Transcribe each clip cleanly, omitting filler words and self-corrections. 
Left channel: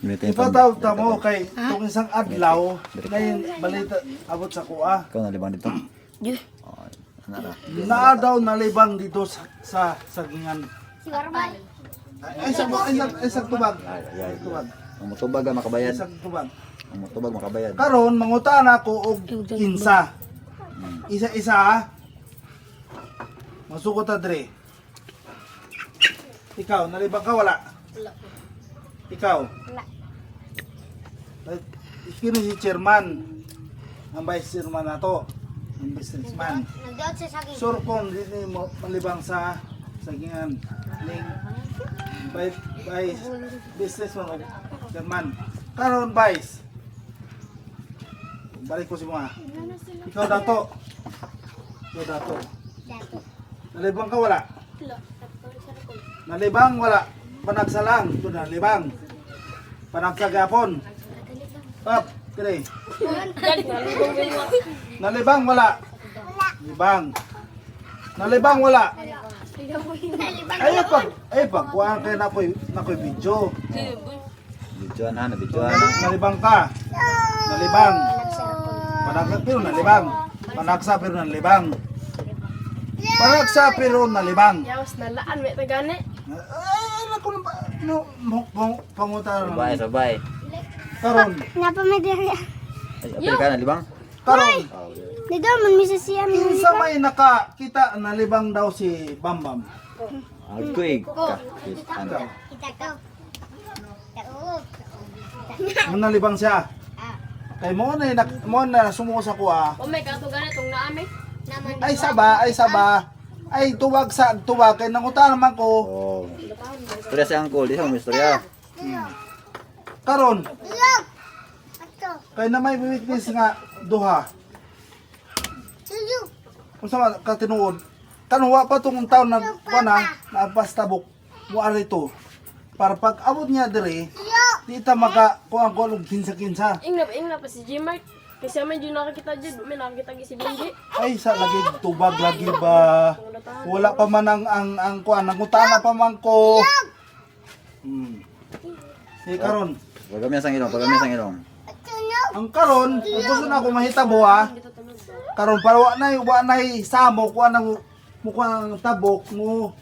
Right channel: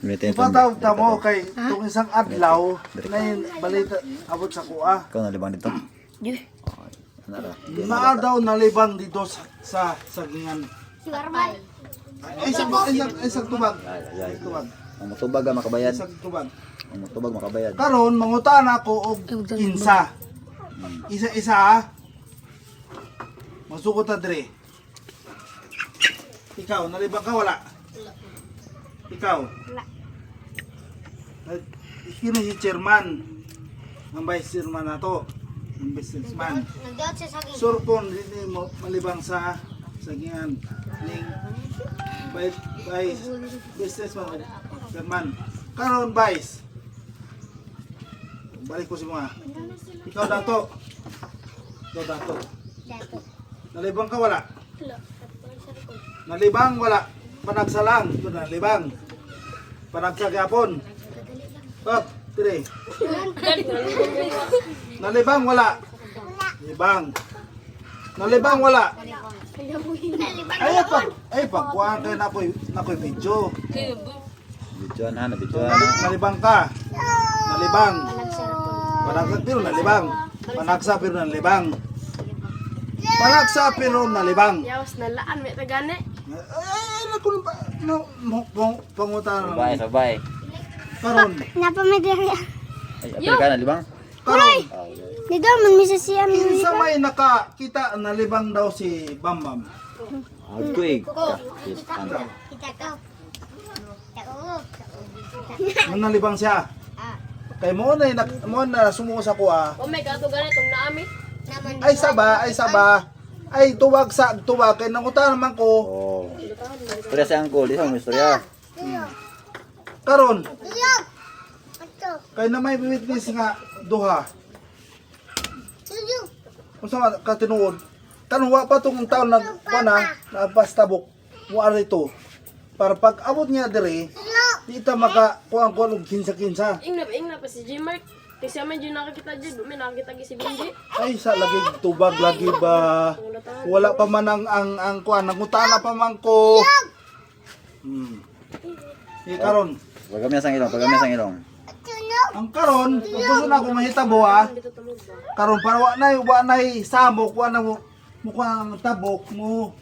Ipataw mo kay itong isang adlaw ngayon balita abot sa kuha. Ikaw nalibang dito? Di. Naa daw nalibang dito sa sagingan. Isang tubag. Tubag. Ang mutubag ang makabayad. Isang tubag. Ang mutubag makabayad. Karon mangutan ako og insa. Isa-isa ha. Masukot ta dre. Ikaw nalibang ka wala? Ikaw? Wala. Kini si chairman. Ang vice chairman nato. Ang businessman. Nagdot siya sa akin. Surkon dili mo malibang sa sagingan. Ning vice businessman chairman. Karon vice. Balik ko si mga. Ikaw dato. Ikaw dato. Nalibang ka wala? Nalibang wala. Panagsalang. Ito nalibang. Panagsagapon. Up. Tire. Nalibang wala. Nalibang. Nalibang wala. Ay pag kuhaan kayo na ko'y video. Bidyoan ha, nabidyoan ha. Nalibang ka. Nalibang. Panagsa pero nalibang. Panagsa pero nalibang. Panagsa pero nalibang. Yawas na laan, may tagani. Ay, naku pangutan. Sabay. Karon. Napamedya. Ay, apel ka nalibang? Karon. Dito man misisiya Kinsa may nakakita nalibang daw si Bambam. Agtuig ka. Ano? Kita ko. Nung nalibang siya. Kay mo na sumuko sa kuha. O may gato ganitong naami. Ay saba. Ay tuwag kay nangutan naman ko. Oh. Istorya si Uncle, di mo istorya. Karon. Kay na may witness nga duha. Unsa man ka tinuod? Tanwa pa tong taon nagpastabok mo arito. Para pag abot niya dire, di ta maka kuang ko og kinsa-kinsa. Ingna pa si G-Mark. Kasi may dyan nakakita dyan. May nakakita si Benji. Ay sa lagi tubag lagi ba. Wala pa man ang kuan, nagutana pa man ko. Karon. Pag kami sang ilong. Ang karon, kung gusto na ako mahitabo ha. Karon para wa nay samok, wa na mo kuan ang tabok mo.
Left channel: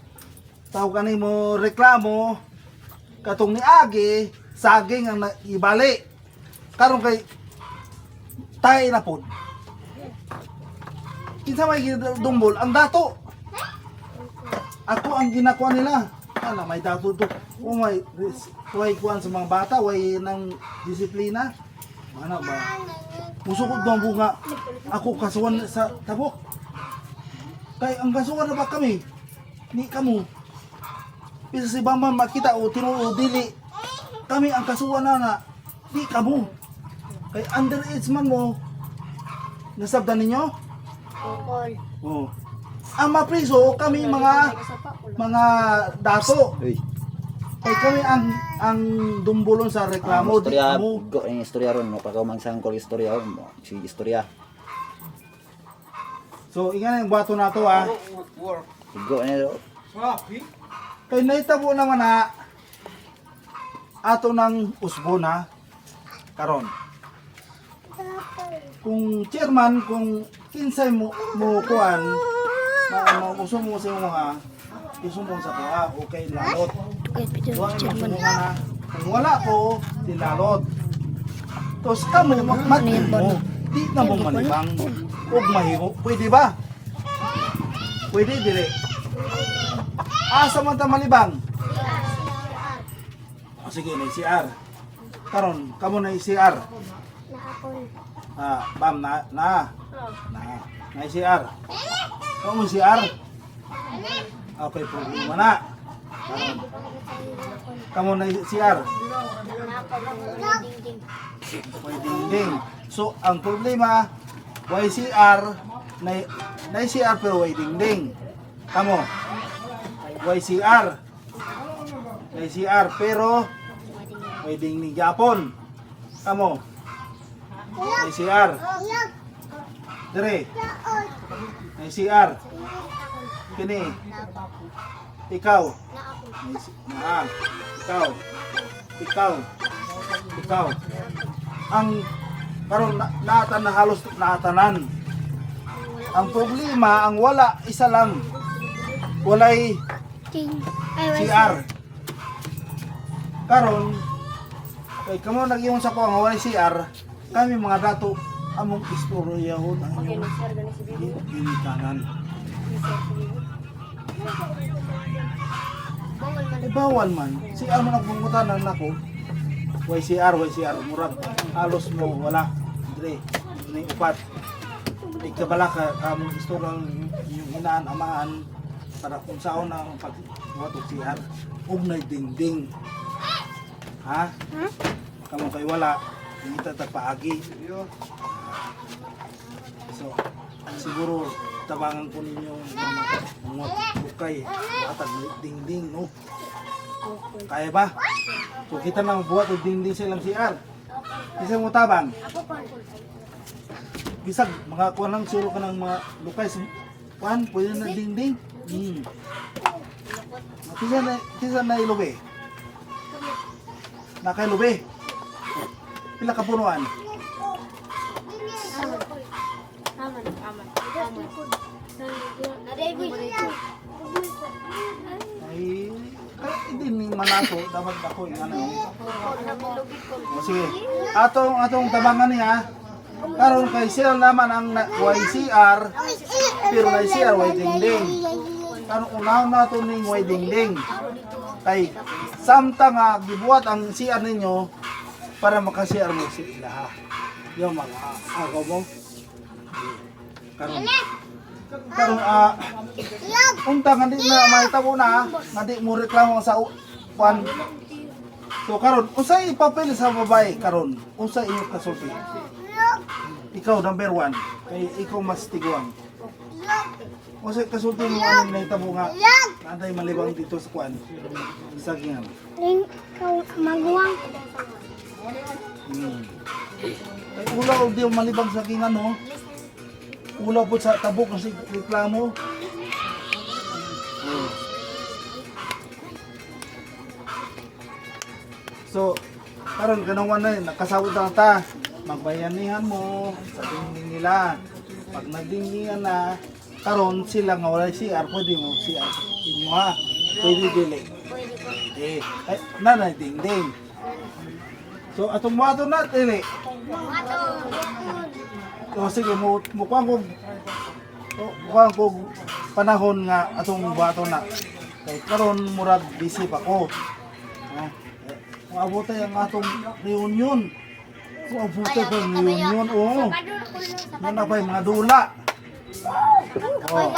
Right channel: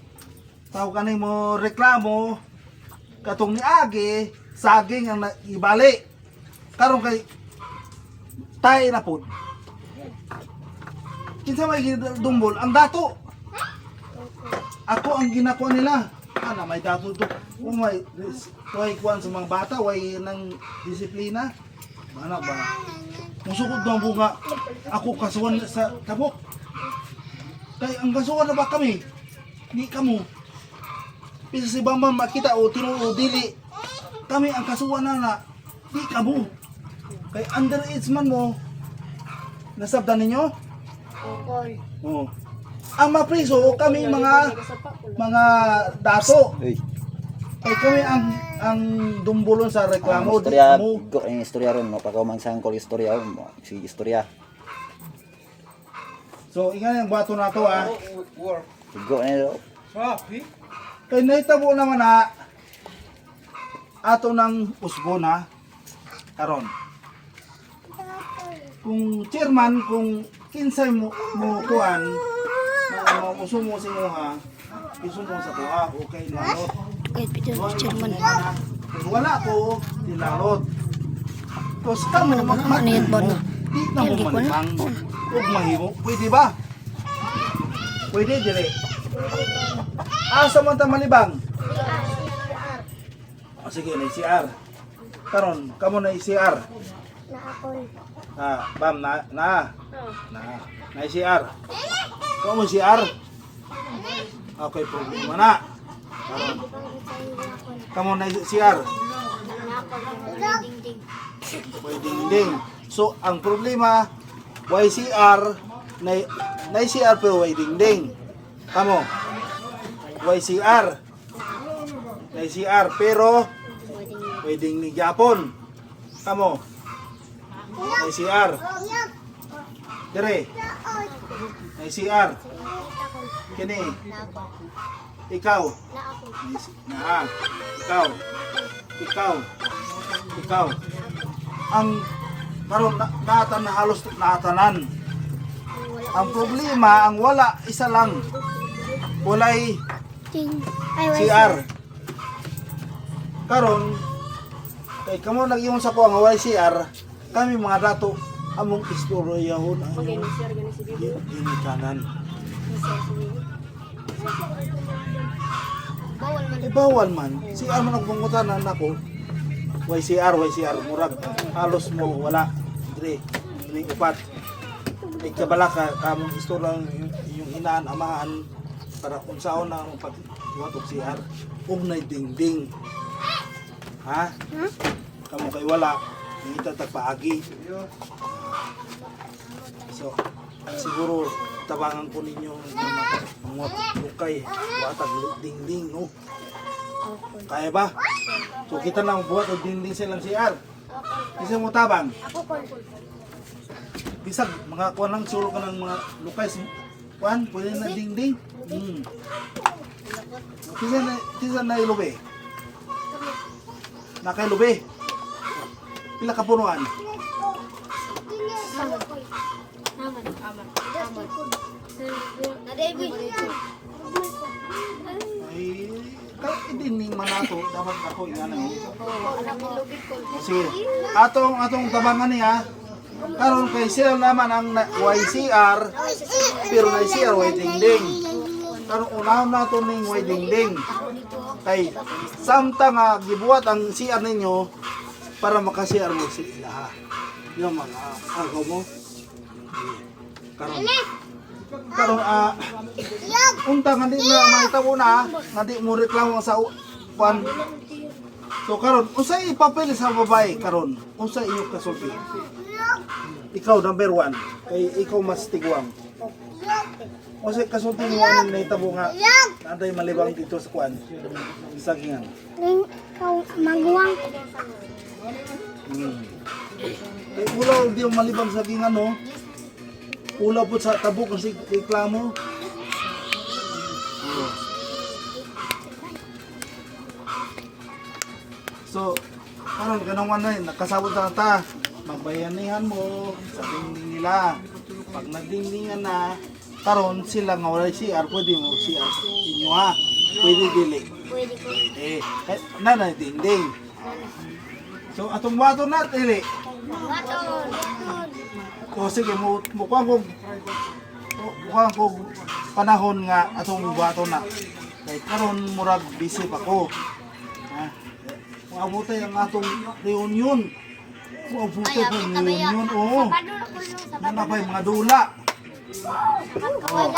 Tawag kanay mo reklamo. Katong ni Agi, saging ang ibali. Karon kay tay na pod. Kinsa may dumbol ang dato. Ako ang ginakuha nila. Ana may dato to. Kung may kuan sa mga bata, way nang disiplina. Ano ba? Musukod daw bunga. Ako kasuhan sa tabok. Kay ang kasuhan na ba kami? Ni kamo. Bisa si Bambam makita o tinuod dili. Kami ang kasuhan na di kamo. Kay underage man mo. Nasabdan ninyo? Oo. Ang mapriso kami mga dato. Uy. Kay kami ang dumbulon sa reklamo di Istorya, kamo. ang istorya ron, no? Pagka mang sang Uncle istorya ron, sige istorya. So ingan yung bato na to ha. Sigo niyo. Kay naitabo naman na ato ng usbon ha. Karon. Kung chairman, kung kinsay mo kuan na uso mo sa mga uso mo sa kuha, okay lalot. Huwag chairman na. Kung wala ko, dinalot. Tapos kamo magmahimo. Di na mo manibang. Huwag mahimo. Pwede ba? Pwede, dire. Asa man ta malibang? Sige, may CR. Karon, kamo na CR. Bam na CR. Kamo CR. Okay, problema na. Kamo na CR. Pwede ding. So, ang problema, YCR, na CR pero way ding. Kamo, YCR. YCR pero way ding ni Japon. Kamo, YCR. Dire. YCR. Kini. Ikaw. Ikaw. Ang karon naatan na halos naatanan. Ang problema, ang wala, isa lang. Walay Ting. Ay, wait. CR. Karon kay kamo nag-imong sa ko ang walay CR, kami mga dato among istoryahon ang Okay, nag-share gani si Bibi. ginikanan. Nag-share si Bibi. Bawal man. Bawal man. CR man ang pangutanan nako. YCR, murag halos mo wala. Dire, ini upat. Ikabala ka among istorya yung inaan amahan para kung saan ang pagbuhatok CR ug nay dingding. Ha? Kamu kay wala, hindi tatagpaagi. So, siguro tabangan ko ninyo mga bukay, watag dingding, no? Kaya ba? So, kita lang buhat o dingding silang CR. Isang mo tabang. Bisag, mga kuwan lang, suro ka ng mga lukay. Kuwan, pwede na dingding. Kisa na ilubi. Nakailubi. Pila ka punuan. Ay, hindi ni manato, dapat ako ingano. O sige, atong tabangan niya. Karon kay siya naman ang YCR, pero na CR way dingding. Karon unahon nato ning way dingding. Kay samtang nga gibuhat ang CR ninyo para maka-CR mo sila. Yung mga agaw mo. Karon unta nga di na mahitabo na, nga di mo reklamo sa kwan. So karon unsay ipapil sa babae karon? Unsay iyo kasulti? Ikaw number 1 kay ikaw mas tigwang. Unsay kasulti mo anong nahitabo nga anday malibang dito sa kwan? Sa gingan. Ting. Kau maguwang. Kay ulaw di mo malibang sa gingan no. Ulaw po sa tabok kasi reklamo. Oh. So, karon ganawan na nakasabot na ta. Magbayanihan mo sa dingding nila. Pag nagdingdingan na, karon sila nga wala CR, pwede mo CR inyo ha. Pwede dili. Nanay dingding. So, atong wato na dili. O sige, mukuha ko panahon nga atong buhato na. Kaya karon murag busy pa ko. Ha? Maabutay ang atong reunion. Maabutay pa ang reunion. Oo. Nanapay mga dula. Oh.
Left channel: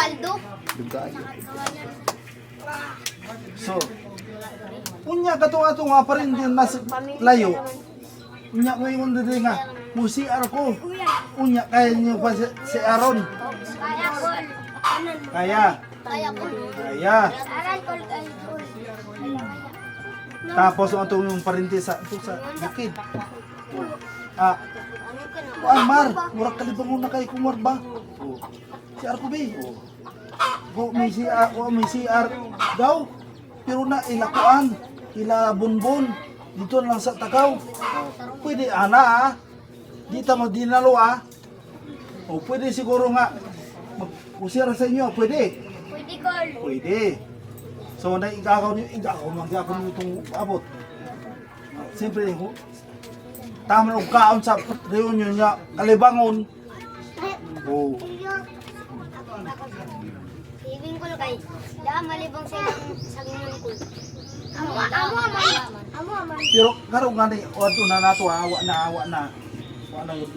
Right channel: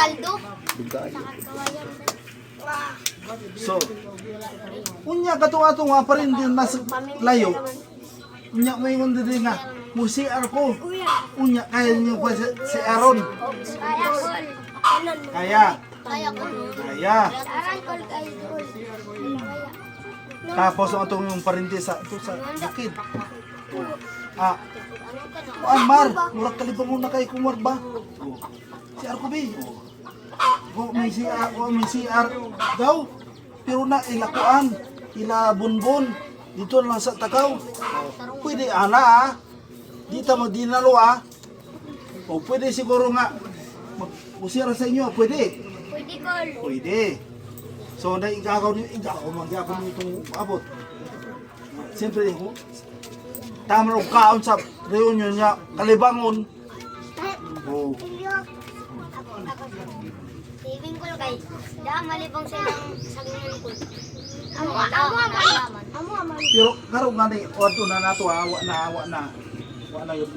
Dugayo. So, unya katong atong nga pa rin din nas layo. Unya ngayon din nga. CR ko. Unya kaya niyo pa si Aaron. Kaya. Tapos ang atong yung parinti sa bukid. Mar, murag kalibang na kay kumar ba? CR ko ba? May CR daw. Pero na ilakuan, ila bunbon. Dito lang sa Takaw. Pwede ana Dito mo dinalo O pwede siguro nga mag-usira sa inyo, pwede. Pwede call. Pwede. So naigakaw niyo, magyakaw niyo itong abot. Siyempre, tama lang kaon sa reunion niya, kalibangon. Oh. Saving call kay. Daan malibang sa ilang sagingan ko. Amo aman. Pero karon nga ni, ordo na nato, awa na. Wala yun.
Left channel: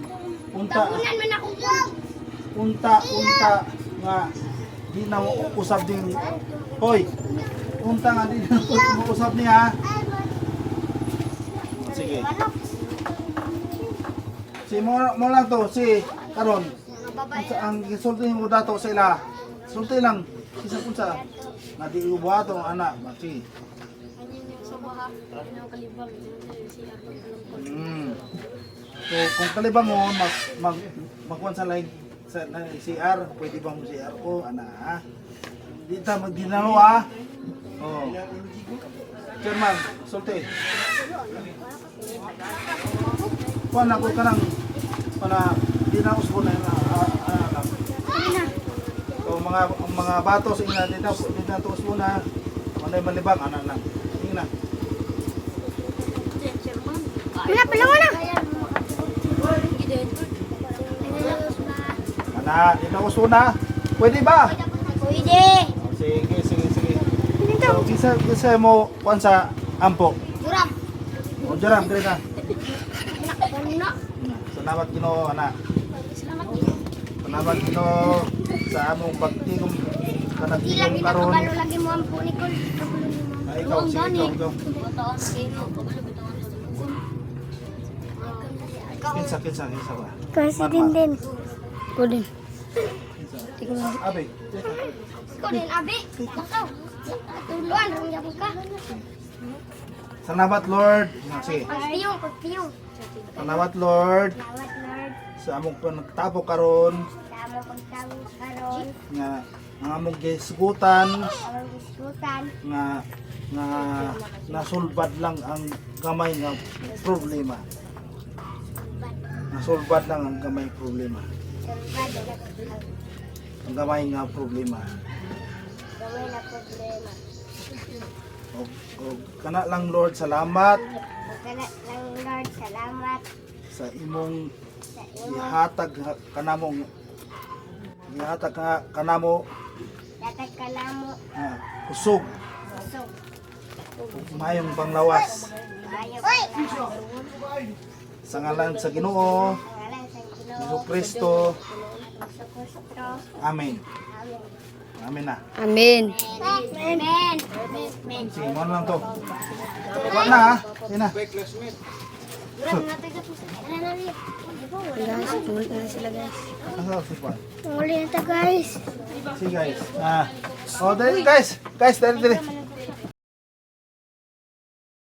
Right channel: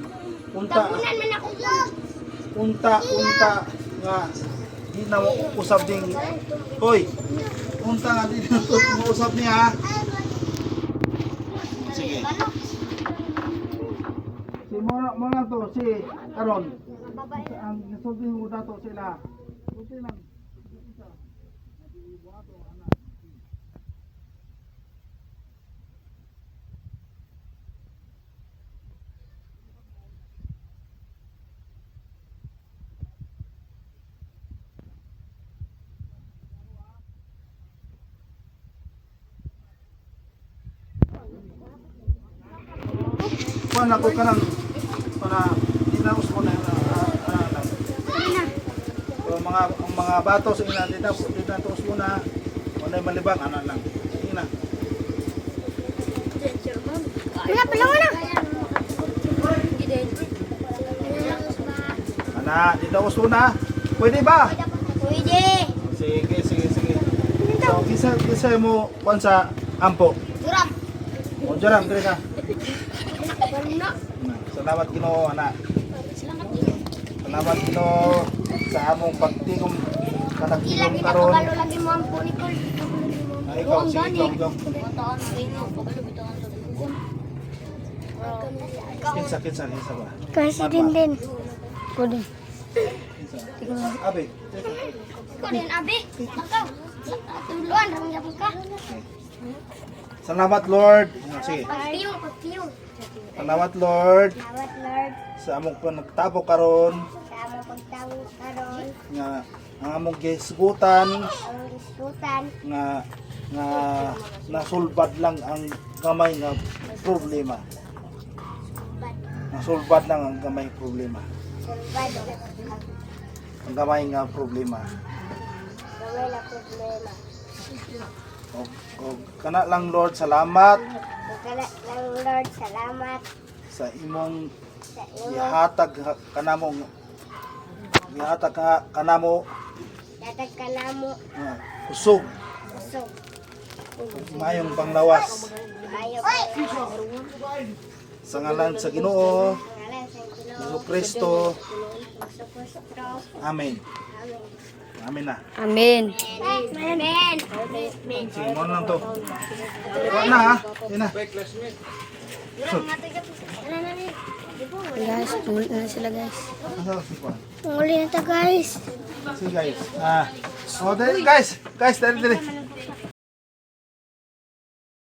Unta nga di na mo usab ding hoy unta nga di na mo usab niya. Sige si mo lang to si karon ang gisulti mo dato sa ila sulti lang isa unsa nga di ubuhato ang anak si So kung kalibangon magkuhan sa like sa CR, pwede ba mo CR ko ana ha? Di ta magdinalo ha. Oh. Chairman, sulti. Kuan ako ka nang dinaos mo na so, mga batos ina dito tuos mo na wala malibang lang. Sige na. Wala pala mo na. Dinaos mo na. Pwede ba? Pwede. Sige. So, kisa mo kuan sa ampo. Durap. O jaram dire na. Wala. Salamat Ginoo ana. Salamat. Salamat Ginoo sa among pagtigom kanang Di tigom lagi karon. nakabalo lagi mo ang punikol. Ay ikaw sige jong. Kinsa ba? Kasi din. Pwede. Kinsa? Abi. Ikaw din, Abi. Ikaw. Tuluan, ramdam ka. Salamat Lord. Sige. Pagpiyong. Salamat Lord Salamat, Lord. sa among panagtabo karon Sa among pagtawag karon. nga ang among gisgutan Among diskusan. nga nasulbad lang ang gamay nga problema. Nasulbad lang ang gamay problema. Salvado. Ang gamay nga problema. Gawin na problema. O kana lang Lord, salamat Pagkala ng Lord, salamat sa imong sa inyo. ihatag kanamo Datag ka na mo. usog So, mayong panglawas ayaw. sa ngalan sa Ginoo Pangalan sa Ginoo. Jesucristo. Jesucristo. Amen. Amen. Amen na. Amen. Amen. Amen. Sige, mo lang to. Wala na ha. Sige na. Durang natagap. Ano na ni? Guys, tuloy na sila guys. Ano si Juan? Uli na ta guys. Sige guys. Oh, dali guys. Guys, dali.